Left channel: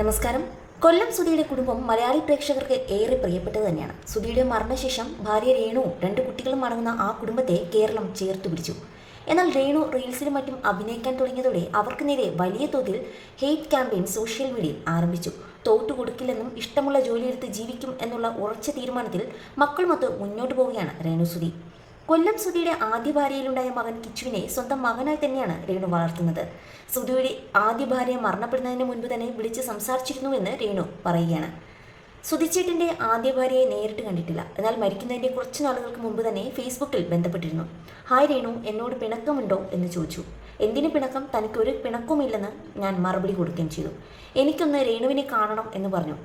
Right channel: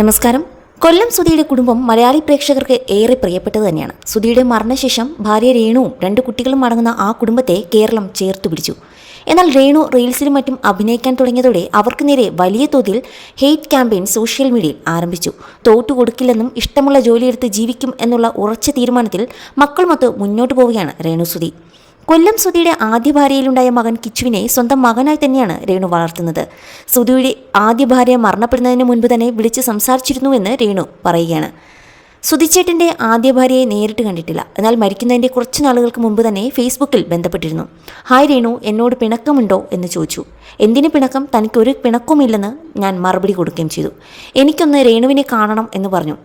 നമസ്കാരം. കൊല്ലം സുധിയുടെ കുടുംബം മലയാളി പ്രേക്ഷകർക്ക് ഏറെ പ്രിയപ്പെട്ടത് തന്നെയാണ്. സുധിയുടെ മരണശേഷം ഭാര്യ രേണുവും 2 കുട്ടികളും അടങ്ങുന്ന ആ കുടുംബത്തെ കേരളം ചേർത്തു പിടിച്ചു. എന്നാൽ രേണു റീൽസിലും മറ്റും അഭിനയിക്കാൻ തുടങ്ങിയതോടെ അവർക്ക് നേരെ വലിയ തോതിൽ ഹെയ്റ്റ് ക്യാമ്പയിൻ സോഷ്യൽ മീഡിയയിൽ ആരംഭിച്ചു. തോറ്റുകൊടുക്കില്ലെന്നും ഇഷ്ടമുള്ള ജോലിയെടുത്ത് ജീവിക്കും എന്നുള്ള ഉറച്ച തീരുമാനത്തിൽ മക്കളുമൊത്ത് മുന്നോട്ട് പോവുകയാണ് രേണു സുധി. കൊല്ലം സുധിയുടെ ആദ്യ ഭാര്യയിലുണ്ടായ മകൻ കിച്ചുവിനെ സ്വന്തം മകനായി തന്നെയാണ് രേണു വളർത്തുന്നത്. സുധിയുടെ ആദ്യ ഭാര്യ മരണപ്പെടുന്നതിന് മുൻപ് തന്നെ വിളിച്ച് സംസാരിച്ചിരുന്നുവെന്ന് രേണു പറയുകയാണ്. സുധിച്ചേട്ടൻ്റെ ആദ്യ ഭാര്യയെ നേരിട്ട് കണ്ടിട്ടില്ല, എന്നാൽ മരിക്കുന്നതിൻ്റെ കുറച്ച് നാളുകൾക്ക് മുമ്പ് തന്നെ ഫേസ്ബുക്കിൽ ബന്ധപ്പെട്ടിരുന്നു. ഹായ് രേണു, എന്നോട് പിണക്കമുണ്ടോ എന്ന് ചോദിച്ചു. എന്തിന് പിണക്കം, തനിക്കൊരു പിണക്കവുമില്ലെന്ന് ഞാൻ മറുപടി കൊടുക്കുകയും ചെയ്തു. എനിക്കൊന്ന് രേണുവിനെ കാണണം എന്ന് പറഞ്ഞു.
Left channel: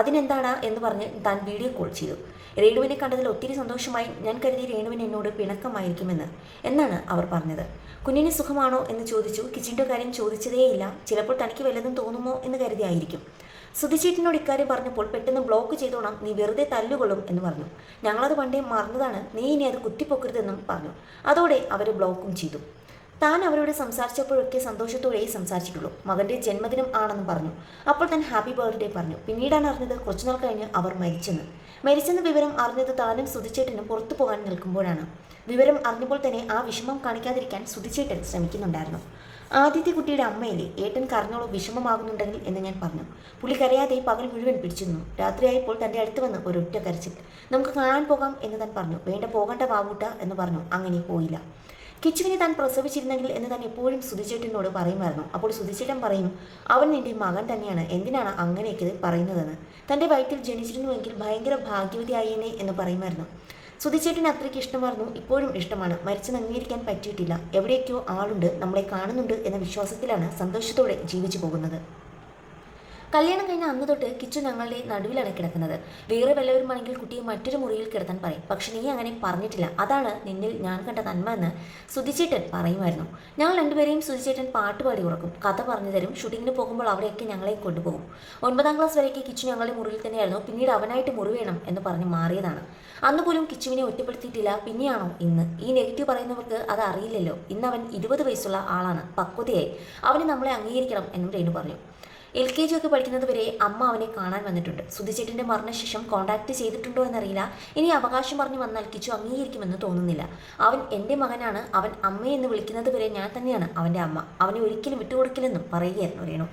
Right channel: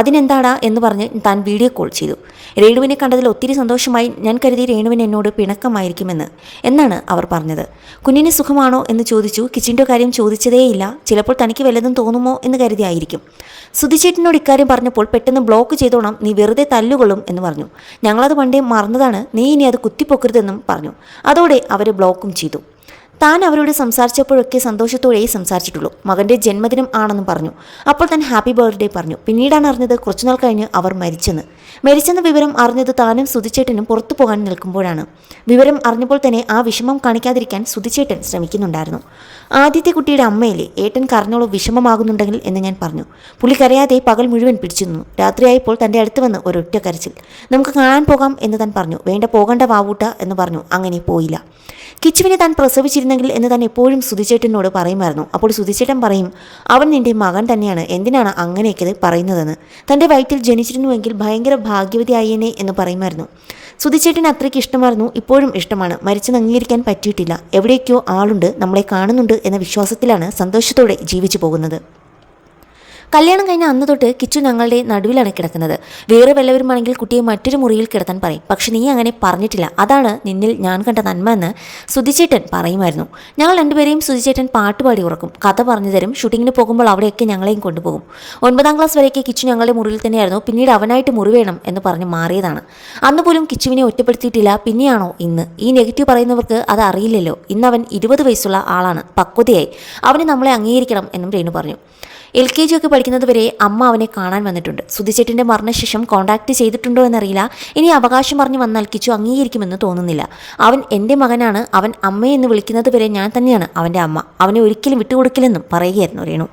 അതിനെന്താടാ എന്ന് പറഞ്ഞ് താൻ വീഡിയോ കോൾ ചെയ്തു. രേണുവിനെ കണ്ടതിൽ ഒത്തിരി സന്തോഷമായി. ഞാൻ കരുതി രേണുവിന് എന്നോട് പിണക്കമായിരിക്കുമെന്ന് എന്നാണ് അവർ പറഞ്ഞത്. കുഞ്ഞിന് സുഖമാണോ എന്ന് ചോദിച്ചു. കിച്ചിൻ്റെ കാര്യം ചോദിച്ചതേയില്ല. ചിലപ്പോൾ തനിക്ക് വല്ലതും തോന്നുമോ എന്ന് കരുതിയായിരിക്കും. സുധിച്ചേട്ടനോട് ഇക്കാര്യം പറഞ്ഞപ്പോൾ പെട്ടെന്ന് ബ്ലോക്ക് ചെയ്തോണം, നീ വെറുതെ തല്ലുകൊള്ളും എന്ന് പറഞ്ഞു. ഞങ്ങളത് പണ്ടേ മറന്നതാണ്, നീ ഇനി അത് കുത്തിപ്പൊക്കരുതെന്നും പറഞ്ഞു. അതോടെ അവർ ബ്ലോക്കും ചെയ്തു. താൻ അവരോട് സംസാരിച്ചപ്പോഴൊക്കെ സന്തോഷത്തോടെ സംസാരിച്ചിട്ടുള്ളൂ. മകൻ്റെ ജന്മദിനം ആണെന്ന് പറഞ്ഞു. അപ്പോൾ താൻ ഹാപ്പി ബർത്ത്ഡേ പറഞ്ഞു. പിന്നീടാണ് അറിഞ്ഞത് കുറച്ചുനാൾ കഴിഞ്ഞ് അവർ മരിച്ചെന്ന വിവരം അറിഞ്ഞത് താനും സുധിച്ചേട്ടനും പുറത്തു പോകാൻ നിൽക്കുമ്പോഴാണ്. വിവരം അറിഞ്ഞപ്പോൾ തന്നെ ആ വിഷമം കാണിക്കാതിരിക്കാൻ സുധിച്ചേട്ടൻ ശ്രമിക്കുന്നുണ്ടായിരുന്നു. ആദ്യത്തെ കുട്ടിയുടെ അമ്മയിലെ ഏട്ടൻ കരഞ്ഞോളൂ, വിഷമമാകുന്നുണ്ടെങ്കിൽ എന്ന് ഞാൻ പറഞ്ഞു. പുള്ളി കരയാതെ പകൽ മുഴുവൻ പിടിച്ചു നിന്നു. രാത്രിയായപ്പോൾ തൻ്റെ അടുത്ത് വന്ന് ഒരൊറ്റ കരച്ചിൽ. നമുക്ക് കാണാൻ പോകാം എന്ന് താൻ പറഞ്ഞു. വേണ്ട, പോകണ്ട വാവൂട്ട എന്ന് പറഞ്ഞു. അങ്ങനെ പോയില്ല. കിച്ചുവിനെ താൻ പ്രസവിച്ചിരുന്നെങ്കിൽ എന്ന് താൻ എപ്പോഴും സുധിച്ചേട്ടനോട് പറയുമായിരുന്നു. അപ്പോൾ സുധിച്ചേട്ടൻ പറയും, അവൻ നിന്റെ മകൻ തന്നെയാണ്, എന്തിനാണ് അങ്ങനെയൊക്കെ പറയുന്നതെന്ന്. തൻ്റെ വയറ്റിൽ ജനിച്ചിരുന്നുവെങ്കിൽ ഭയങ്കര ഭാഗ്യവതിയായേനെ എന്ന് പറയുമായിരുന്നു. സുധിച്ചേട്ടൻ അത്രയ്ക്ക് ഇഷ്ടമായിരുന്നു, ഇപ്പോഴും ഇഷ്ടമാണ്. മരിച്ചെന്ന് അംഗീകരിക്കാൻ പറ്റിയിട്ടില്ല. എവിടെയൊക്കെയോ ആളുണ്ട്, നമ്മളെ കാണുന്നുണ്ട് എന്ന വിശ്വാസത്തിലാണ് സന്തോഷത്തോടെ ജീവിച്ചു പോകുന്നത്. കല്യാണം കഴിഞ്ഞ അന്ന് തൊട്ട് കിച്ചു ഞങ്ങളുടെ നടുവിലാണ് കിടക്കുന്നത്. വേറെ വല്ലവരുമാണെങ്കിൽ കുട്ടിയെ മറ്റൊരു മുറിയിൽ കിടത്താൻ പറയും. പക്ഷെ നീ അങ്ങനെ പറഞ്ഞിട്ടില്ല, അതാണ് നിന്നിൽ ഞാൻ കണ്ട നന്മ എന്ന് സുധിച്ചേട്ടൻ പറയുമായിരുന്നു. ഞങ്ങൾ രണ്ടുപേരെയും സുധിച്ചേട്ടൻ പാട്ടുപാടി ഉറക്കും, കഥ പറഞ്ഞു തരും. ഷൂട്ടിങ്ങിന് പോകുമ്പോൾ അവിടെയൊക്കെ ഞങ്ങളെയും കൊണ്ടുപോകും. 9ാം ക്ലാസ് വരെയൊക്കെ കിച്ചു ഞങ്ങളുടെ മുറിയിൽ തന്നെയായിരുന്നു. പിന്നീട് അവനായിട്ട് മുറി വേണം എന്ന് പറഞ്ഞ് മാറിയതാണ്. അന്ന് പോലും കിച്ചുവിനെ ഒറ്റപ്പെടുത്തിയിട്ടില്ല. പിന്നെയാണോ ഇന്ന്? ഈ നെഗറ്റീവ് പറയുന്നവർക്ക് അത് അറിയില്ലല്ലോ. ഇന്ന് അവൻ 20 വയസ്സുള്ള ആളാണ്, പക്വതയായി. അവന് നമ്മളെ അംഗീകരിക്കണം എന്നും രേണു പറഞ്ഞു. LKG ഒക്കെ പഠിക്കുന്നത് വരെ അമ്മ അവനെ കാണാൻ വന്നിട്ടുണ്ട്. സുധിച്ചേട്ടൻ്റെ മരണശേഷം കോൺടാക്ട് ചെയ്തിട്ടുണ്ടോ എന്നറിയില്ല. ഇനി അവകാശം പറഞ്ഞു വന്നാൽ കിച്ചു അംഗീകരിക്കുമെന്ന് തോന്നുന്നില്ല. അവൻ എൻ്റെ മകനാണ്. അവൻ അമ്മയെന്ന് വിളിക്കുന്നത് വരെ ഞാൻ തന്നെയാണ് അവൻ്റെ അമ്മ. അവനെ ഒരിക്കലും വിട്ടുകൊടുക്കില്ലെന്നും പറയുകയായിരുന്നു രേണു.